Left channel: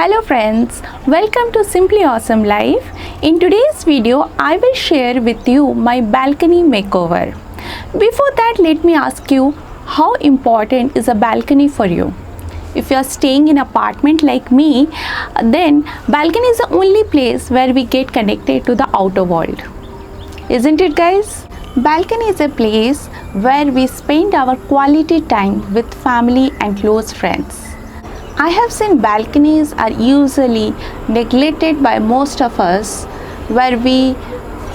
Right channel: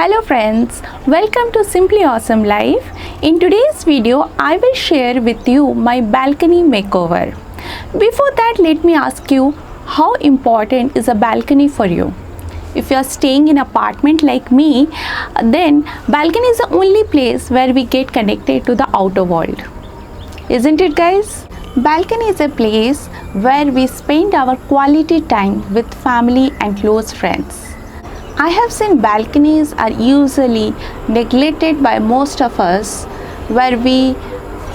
Hello friends, welcome to Simply Awesome Life. In today's video, I will share with you my balcony makeover. Before that, let me ask you, how important is a balcony for you? If you are staying in an apartment like me, then balcony is the only place where we get connected to the outer world. Isn't it, guys? Balcony is a place where we spend our quality time with family and close friends. I have seen balconies are usually neglected by most of us, where we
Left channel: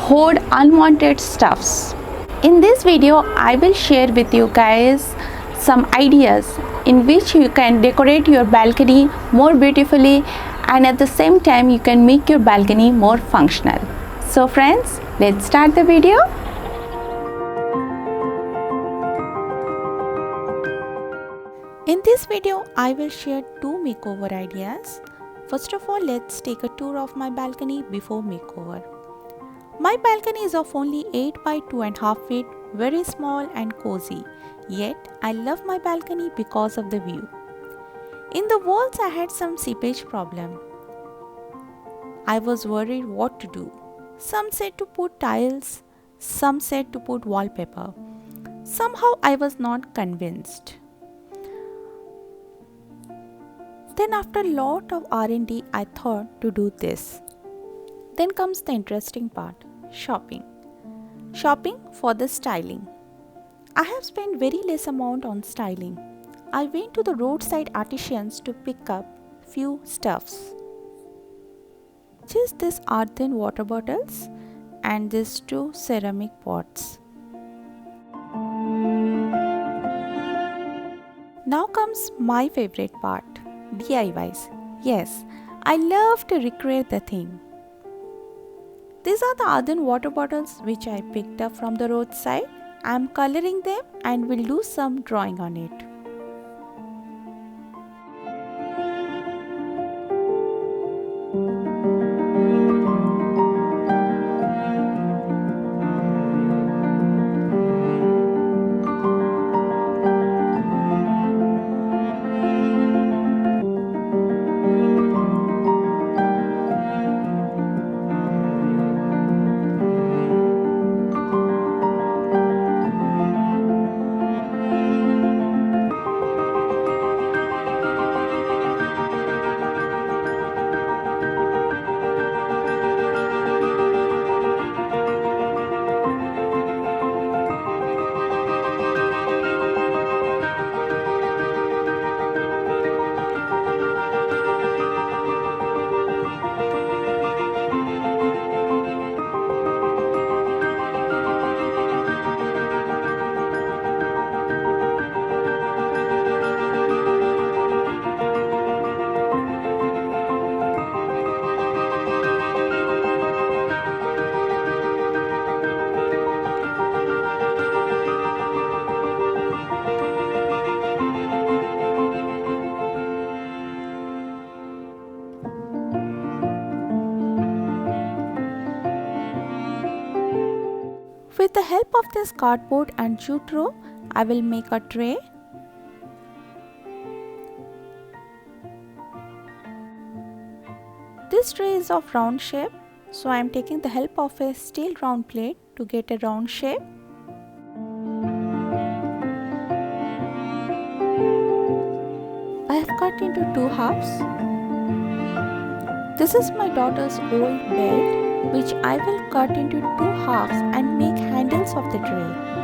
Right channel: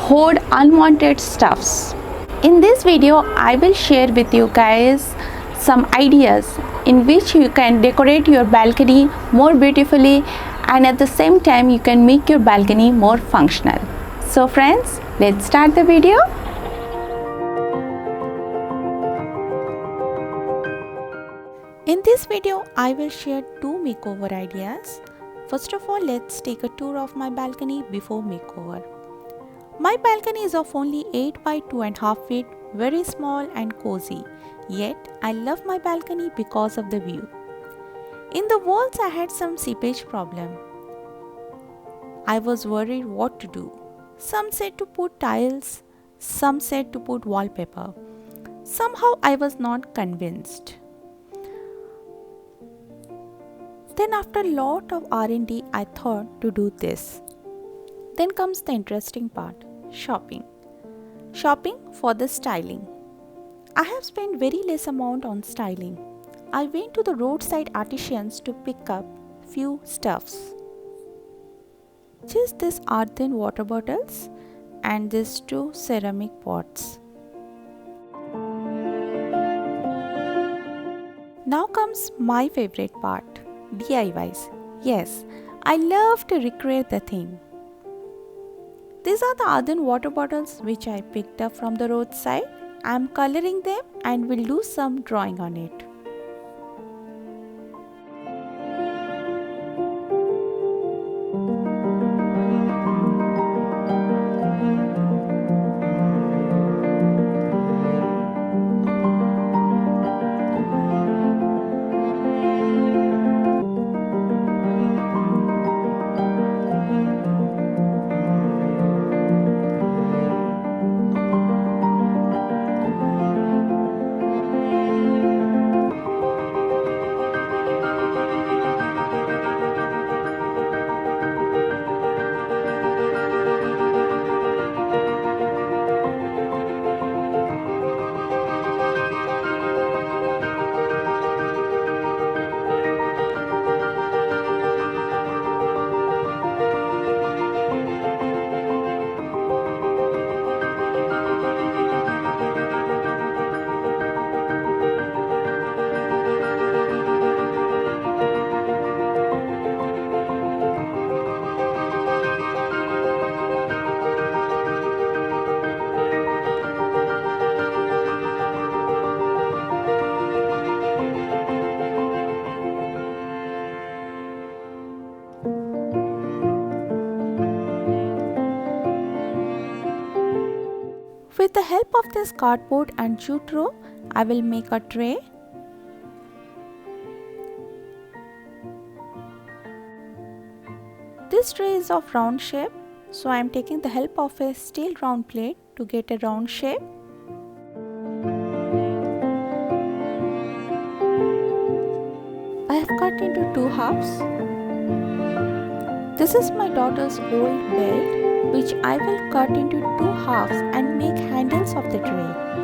hoard unwanted stuffs. In this video, I will share with you guys some ideas in which you can decorate your balcony more beautifully, and at the same time you can make your balcony more functional. So friends, let's start the video. In this video, I will share two makeover ideas. First of all, let's take a tour of my balcony before makeover. My balcony is of only 8 by 2.5 feet, very small and cozy. Yet, I love my balcony because of the view. In the walls, I had some seepage problem. I was worried what to do. Some said to put tiles, some said to put wallpaper. Somehow, I was not convinced. Then after a lot of R&D, I thought to do this. Then comes the interesting part, shopping. Shopping for the styling. I have spent very less amount on styling. I went to the roadside artisans to pick up few stuffs. Just this earthen water bottles and these two ceramic pots. Now comes my favorite part. DIYs. Yes, I love to recreate the theme. These are the earthen water bottles which I picked up from the roadside. I am coloring them and will do some drawing on it. With the help of this cardboard and jute rope, I will make a tray. This tray is of round shape, so I am taking the help of a steel round plate to get a round shape. I have cut into two halves. This is my daughter's old belt, which I will cut into two halves and make handles of the tray.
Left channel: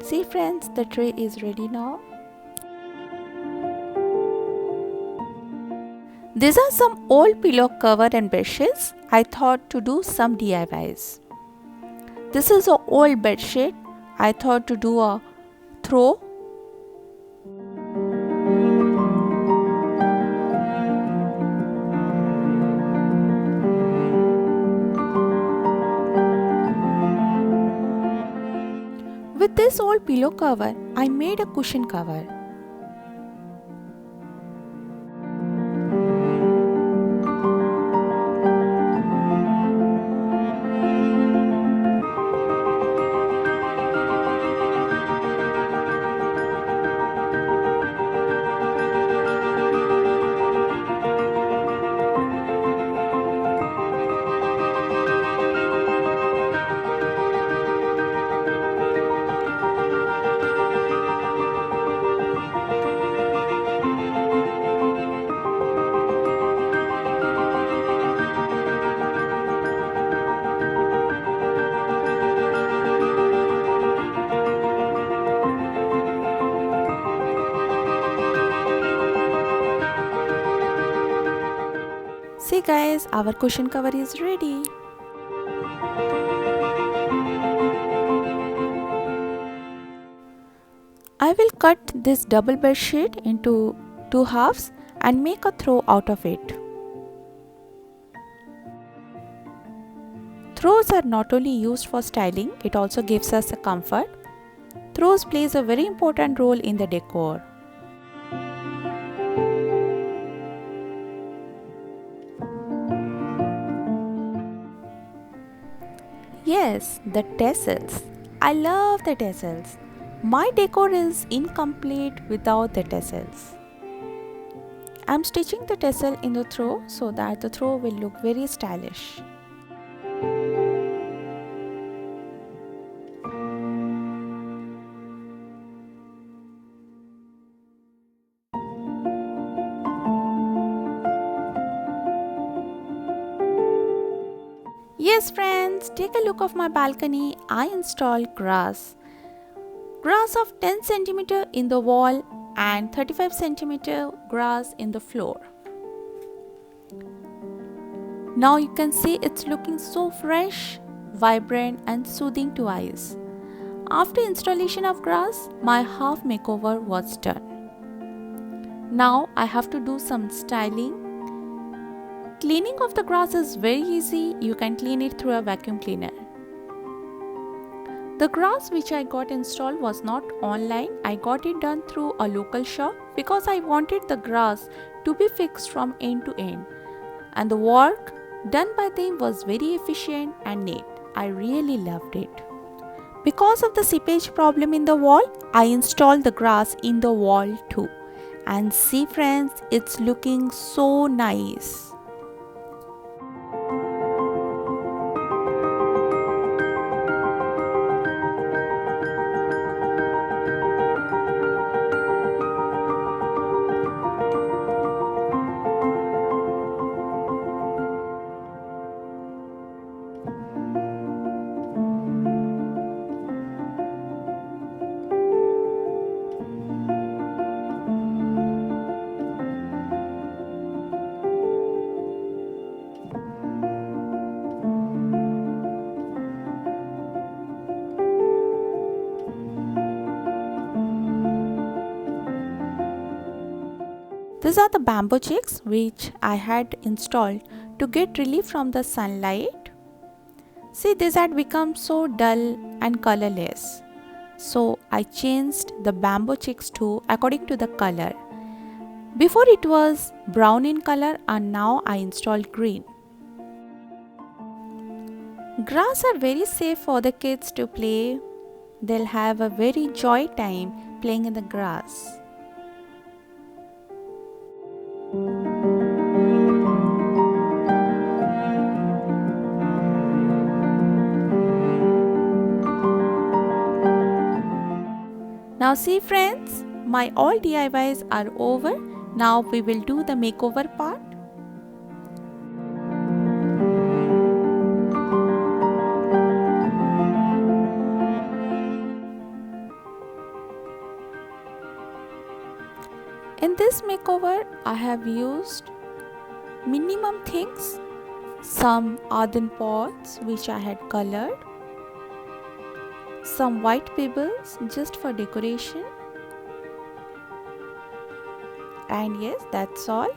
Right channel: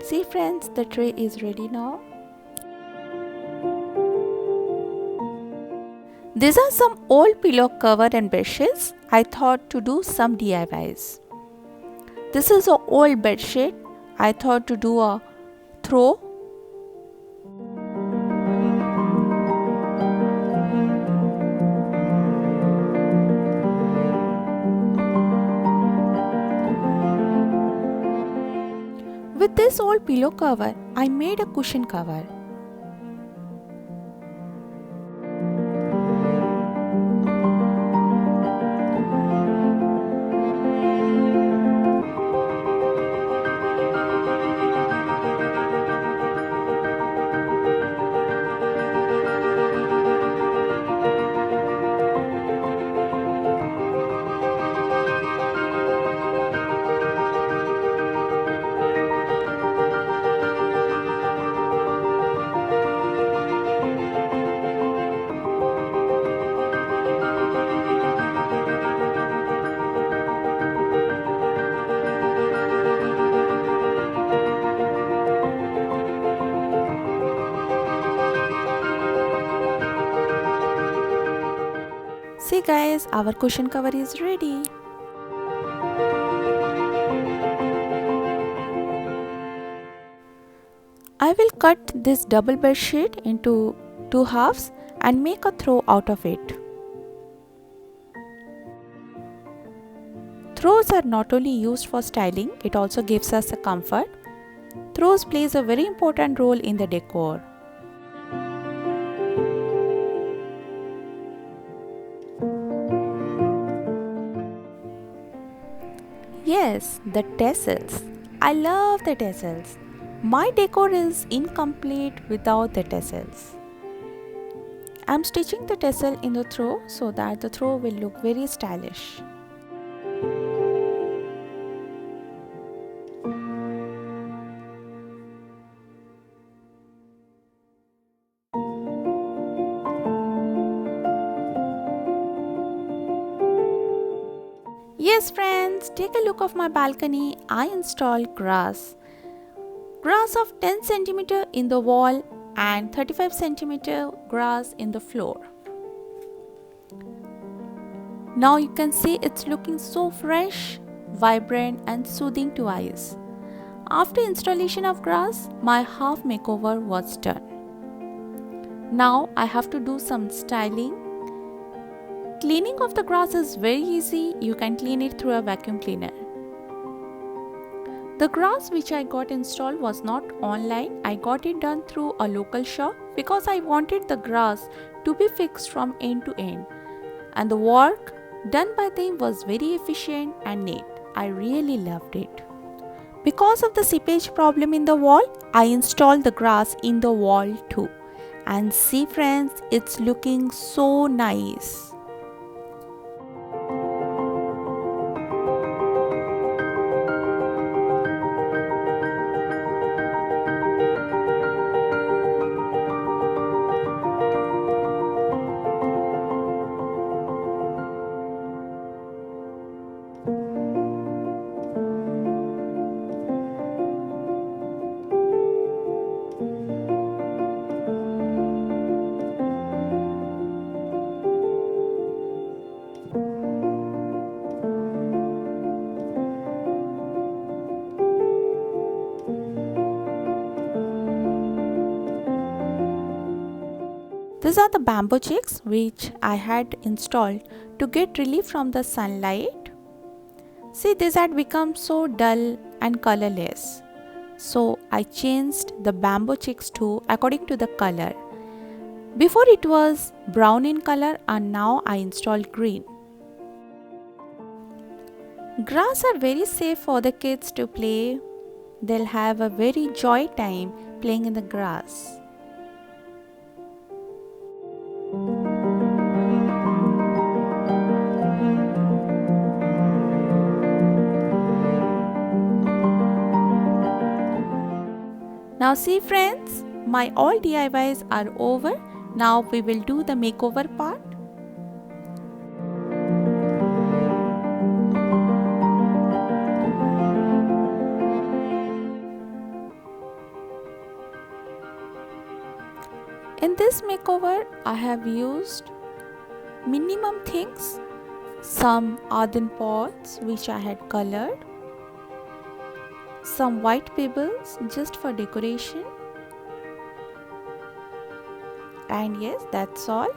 See friends, the tray is ready now. These are some old pillow cover and bedsheets. I thought to do some DIYs. This is an old bedsheet. I thought to do a throw. With this old pillow cover, I made a cushion cover. See guys, our cushion cover is ready. I will cut this double bed sheet into two halves and make a throw out of it. Throws are not only used for styling, it also gives us a comfort. Throws plays a very important role in the decor. Yes, the tassels. I love the tassels. My decor is incomplete without the tassels. I'm stitching the tassel in the throw so that the throw will look very stylish. Yes friends, take a look of my balcony. I installed grass. Grass of 10 cm in the wall and 35 cm grass in the floor. Now you can see it's looking so fresh, vibrant and soothing to eyes. After installation of grass, my half makeover was done. Now I have to do some styling. Cleaning of the grass is very easy. You can clean it through a vacuum cleaner. The grass which I got installed was not online. I got it done through a local shop because I wanted the grass to be fixed from end to end. And the work done by them was very efficient and neat. I really loved it. Because of the seepage problem in the wall, I installed the grass in the wall too. And see friends, it's looking so nice. These are the bamboo chicks which I had installed to get relief from the sunlight. See, these had become so dull and colorless. So I changed the bamboo chicks to according to the color. Before it was brown in color and now I installed green. Grass are very safe for the kids to play. They'll have a very joy time playing in the grass. Now see friends, my all DIYs are over. Now we will do the makeover part. In this makeover, I have used minimum things, some earthen pots which I had colored, some white pebbles just for decoration, and yes, that's all.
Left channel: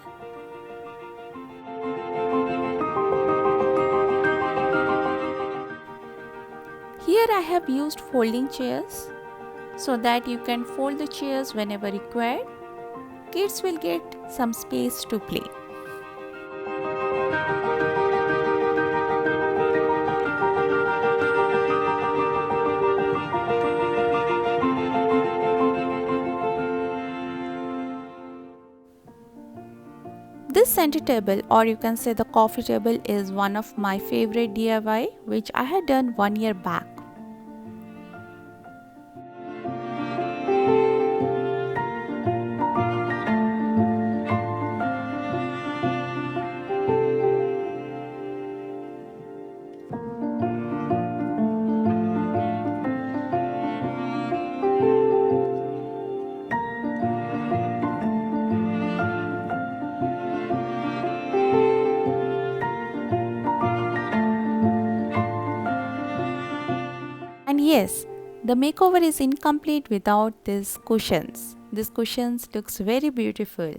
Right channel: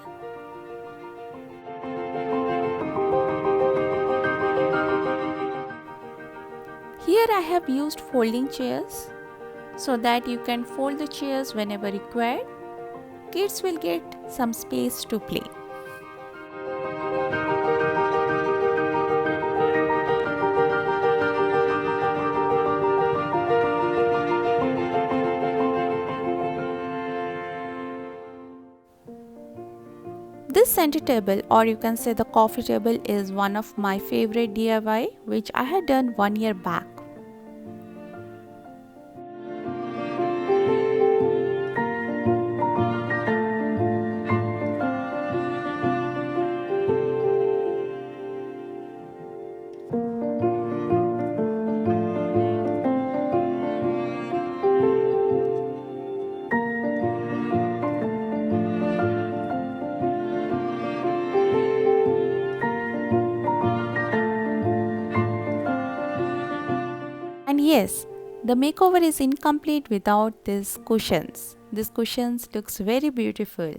Here I have used folding chairs so that you can fold the chairs whenever required. Kids will get some space to play. This center table, or you can say the coffee table, is one of my favorite DIY which I had done 1 year back. And yes, the makeover is incomplete without these cushions. These cushions looks very beautiful.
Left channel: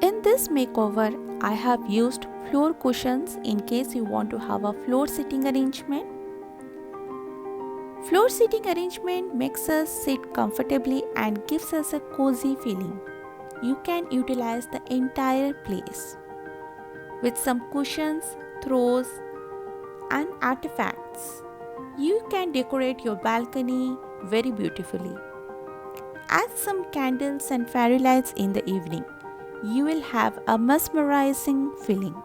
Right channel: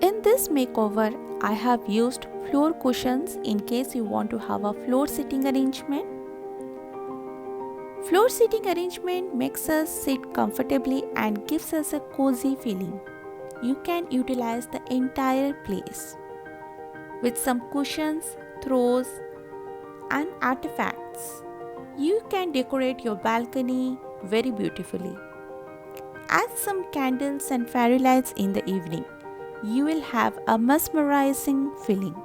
In this makeover, I have used floor cushions in case you want to have a floor seating arrangement. Floor seating arrangement makes us sit comfortably and gives us a cozy feeling. You can utilize the entire place. With some cushions, throws, and artifacts, you can decorate your balcony very beautifully. Add some candles and fairy lights in the evening. You will have a mesmerizing feeling.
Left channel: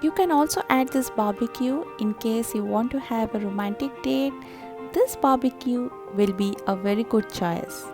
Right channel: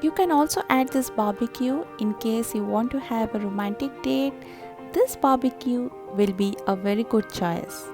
You can also add this barbecue in case you want to have a romantic date. This barbecue will be a very good choice.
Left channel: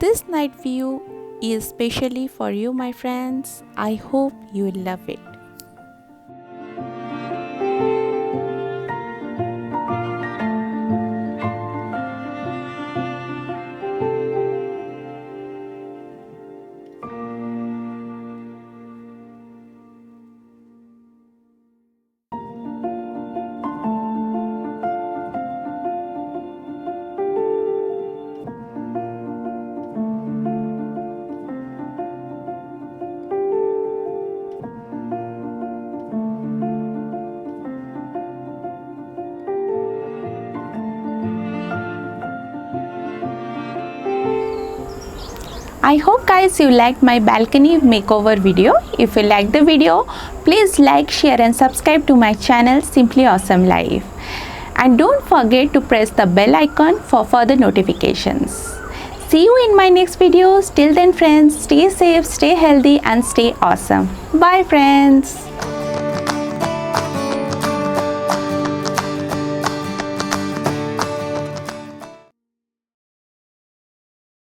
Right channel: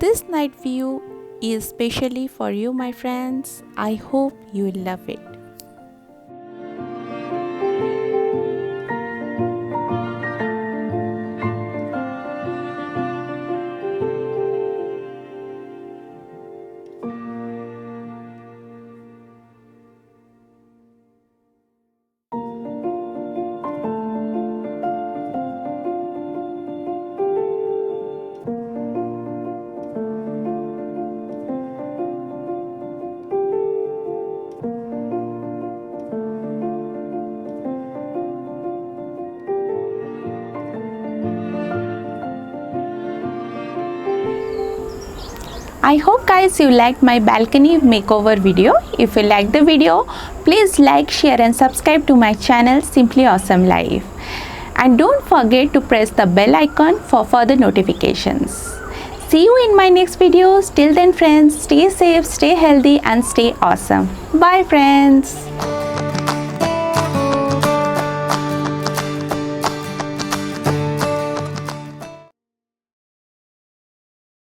This night view is specially for you, my friends. I hope you will love it. I hope guys you liked my balcony makeover video. If you liked the video, please like, share and subscribe to my channel Simply Awesome Life. And don't forget to press the bell icon for further notifications. See you in my next videos. Till then friends, stay safe, stay healthy and stay awesome. Bye friends.